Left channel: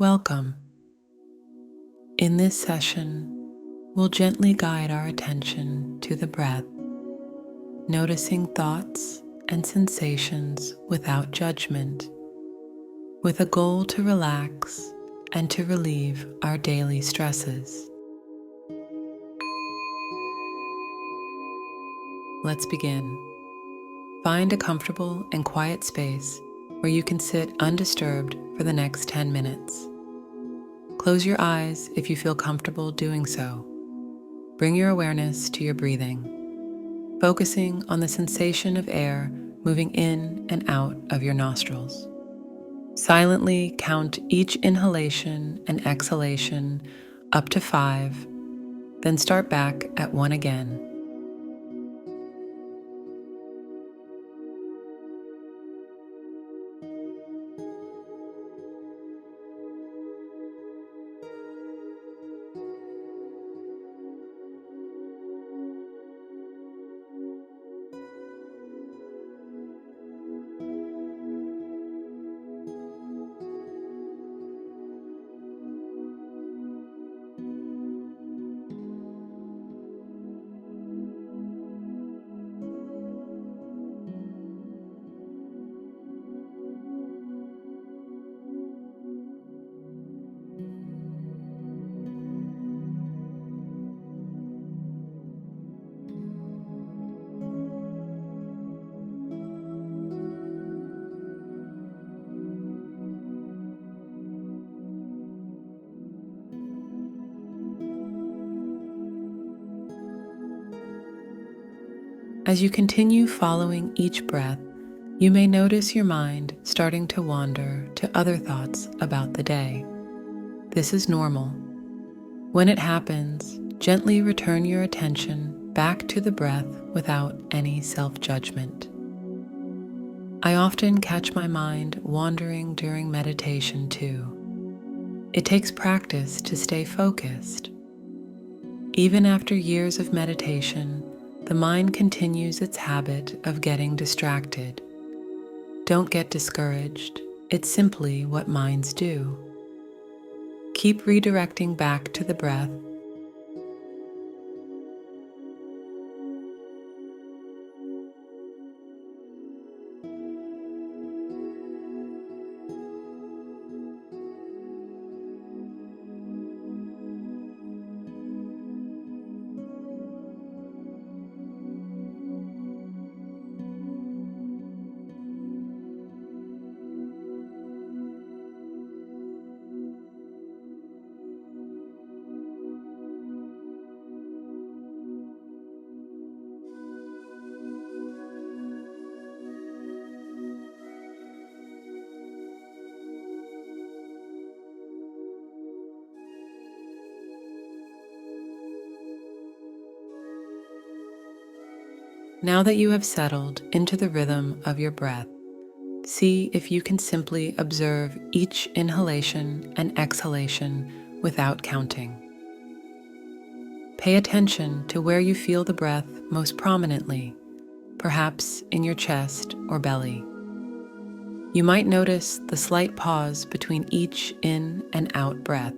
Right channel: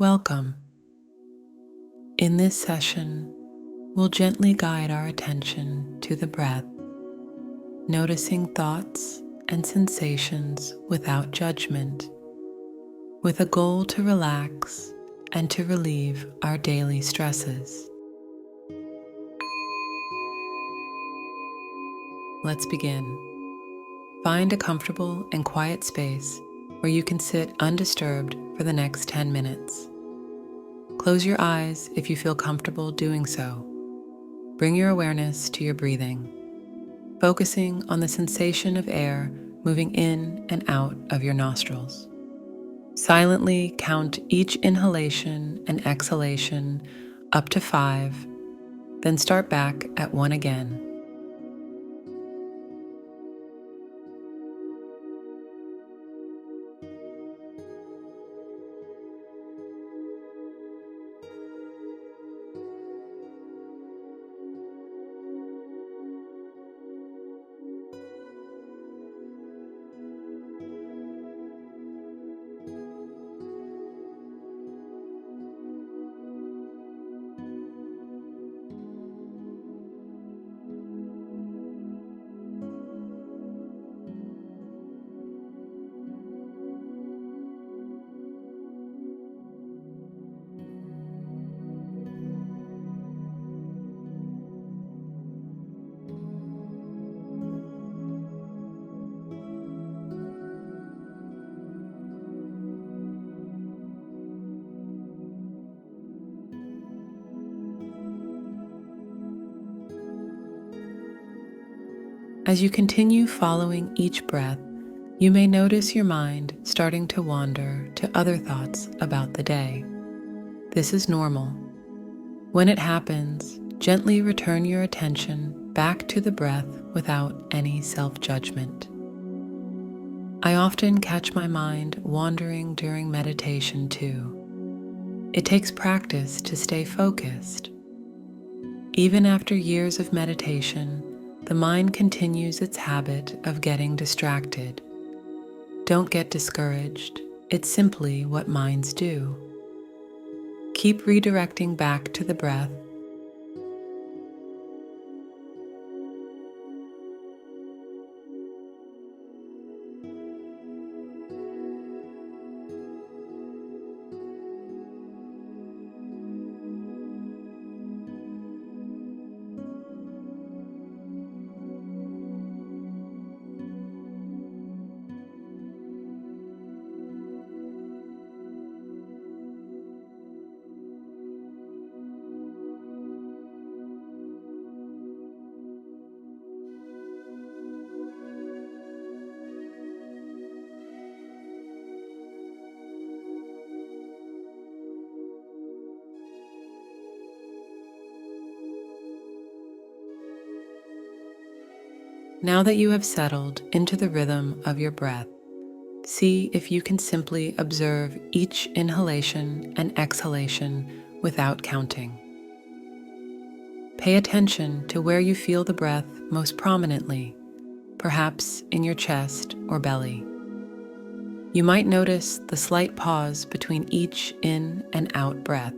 Welcome. In this session, we'll gently guide our attention to the breath, noticing thoughts and sensations without judgment, with a goal to relax and to relieve our daily stresses. Let's begin. Find a comfortable and quiet space where you can sit undisturbed for the next 10 minutes. Close your eyes if you feel comfortable doing so. Bring your awareness to your breathing, focusing on the sensation of air moving in and out of your nostrils. Silently count each inhalation and exhalation up to 5, then start back at 1 again. As you continue following each breath, you may notice your mind starting to wander to other thoughts about the day. This is normal. When it happens, gently return your attention back to the breath without any self-judgment. I often catch my mind wandering during meditation too. It takes practice to stay focused. Even after years of meditation, the mind continues its habit of getting distracted. Don't get discouraged. It's simply what minds do. Keep redirecting back to the breath. Now that you have settled into the rhythm of your breath, see if you can simply observe each inhalation and exhalation without counting. Pay attention to where you feel the breath most prominently, perhaps in your chest or belly. You might notice the slight pause between each in and out breath.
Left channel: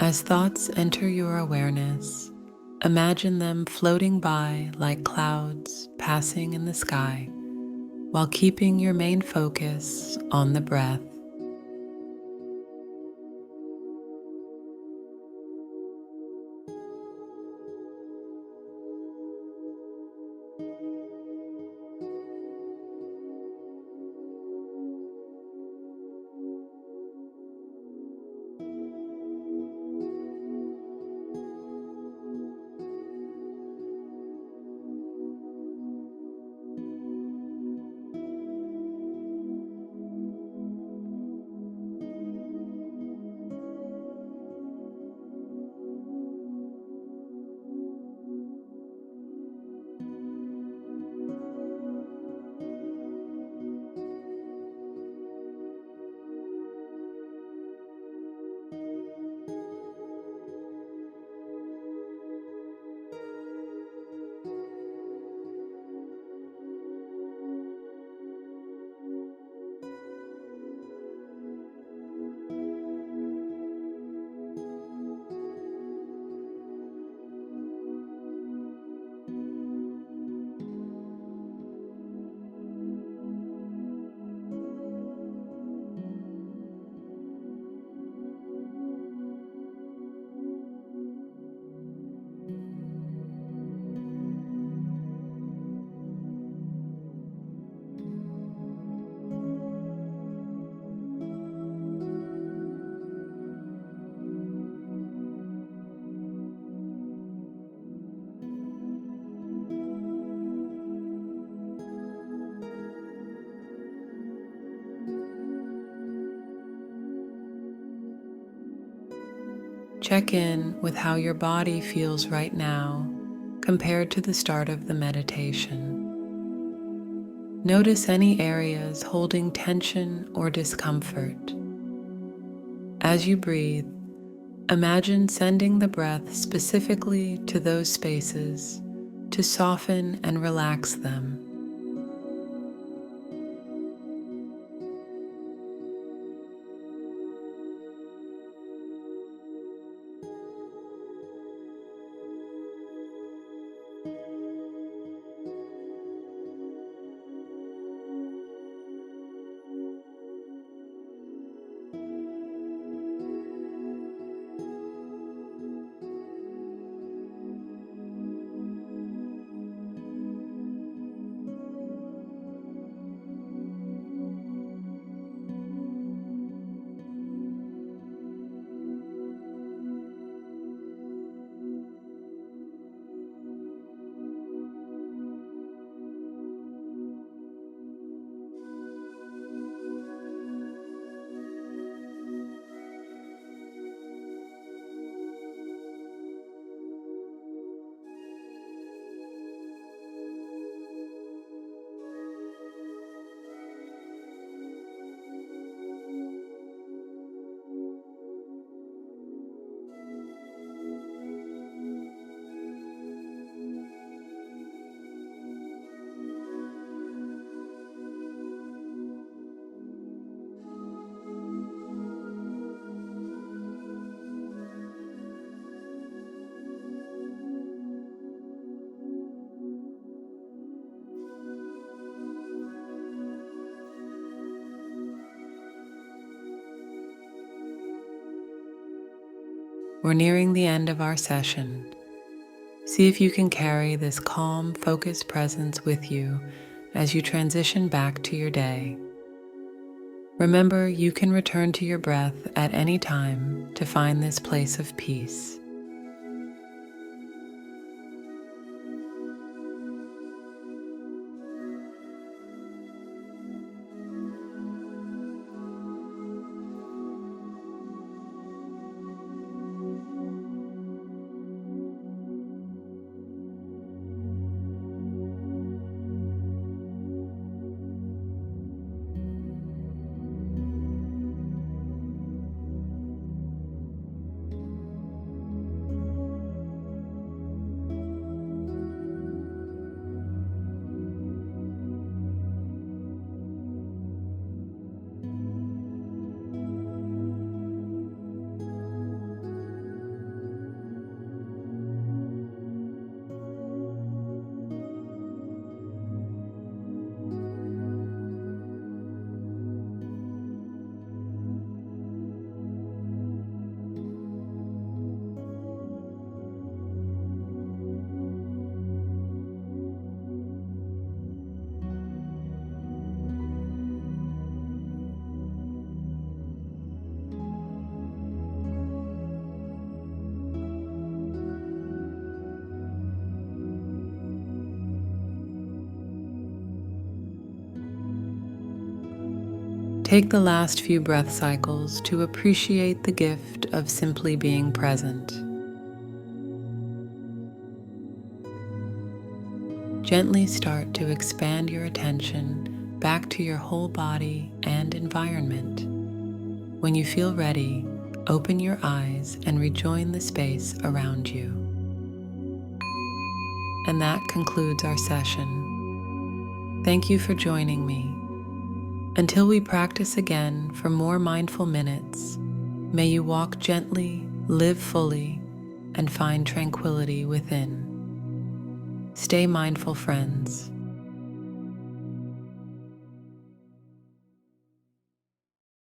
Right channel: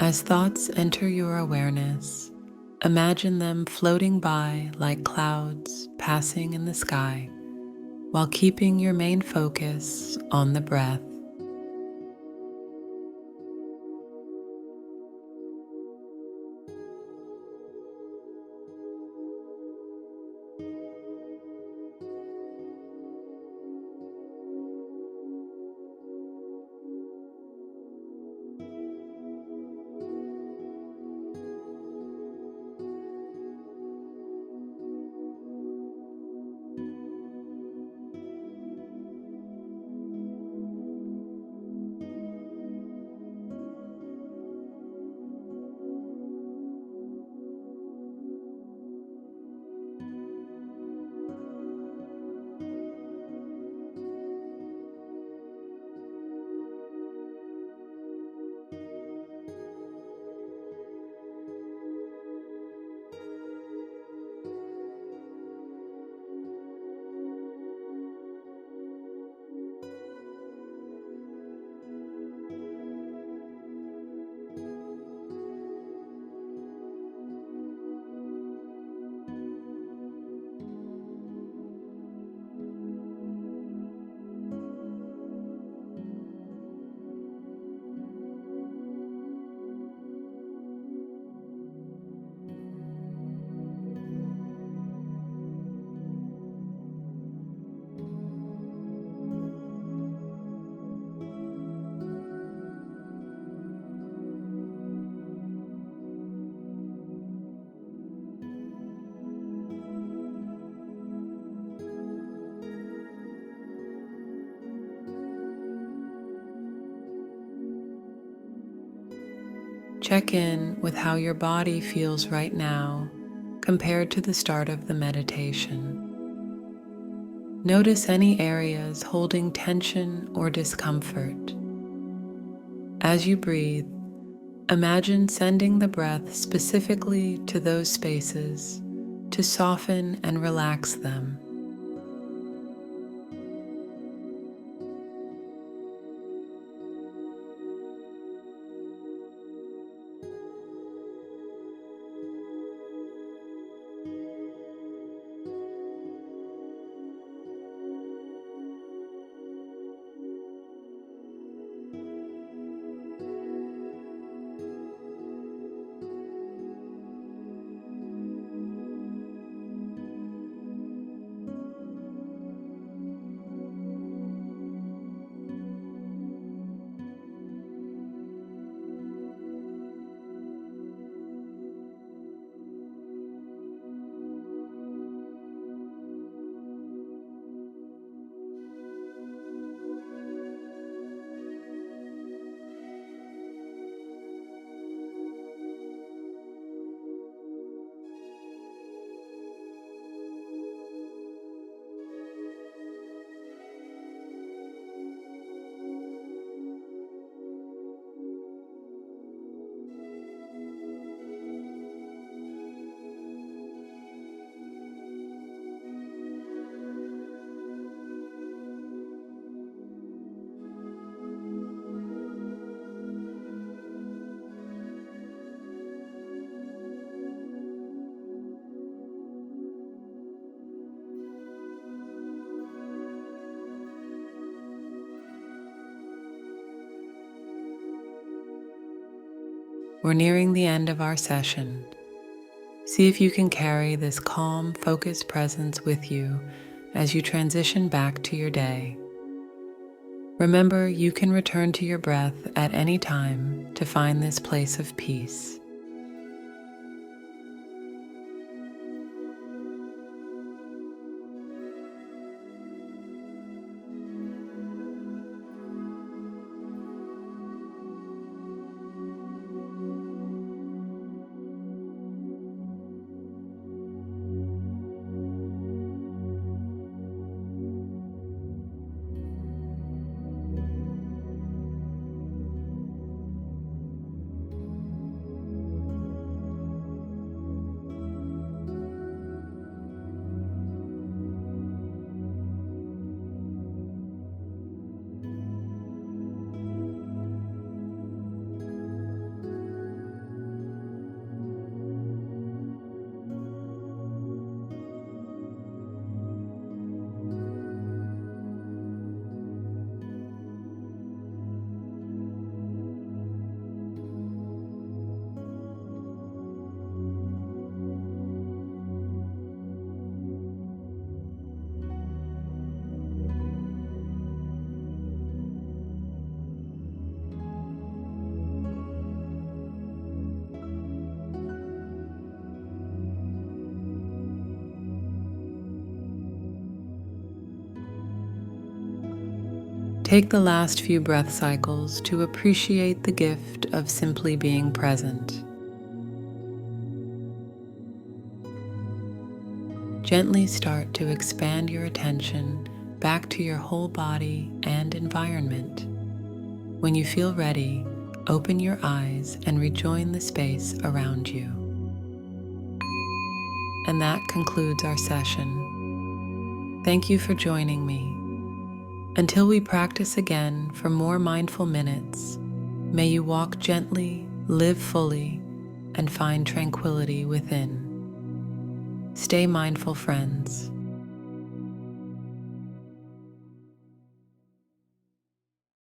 As thoughts enter your awareness, imagine them floating by like clouds passing in the sky, while keeping your main focus on the breath. Check in with how your body feels right now compared to the start of the meditation. Notice any areas holding tension or discomfort. As you breathe, imagine sending the breath specifically to those spaces to soften and relax them. We're nearing the end of our session. See if you can carry this calm, focused presence with you as you transition back to your day. Remember, you can return to your breath at any time to find this place of peace. Take the last few breath cycles to appreciate the gift of simply being present. Gently start to expand your attention back to your whole body and environment. When you feel ready, open your eyes and rejoin the space around you. And that concludes our session. Thank you for joining me. Until we practice again for more mindful minutes, may you walk gently, live fully, and find tranquility within. Stay mindful, friends.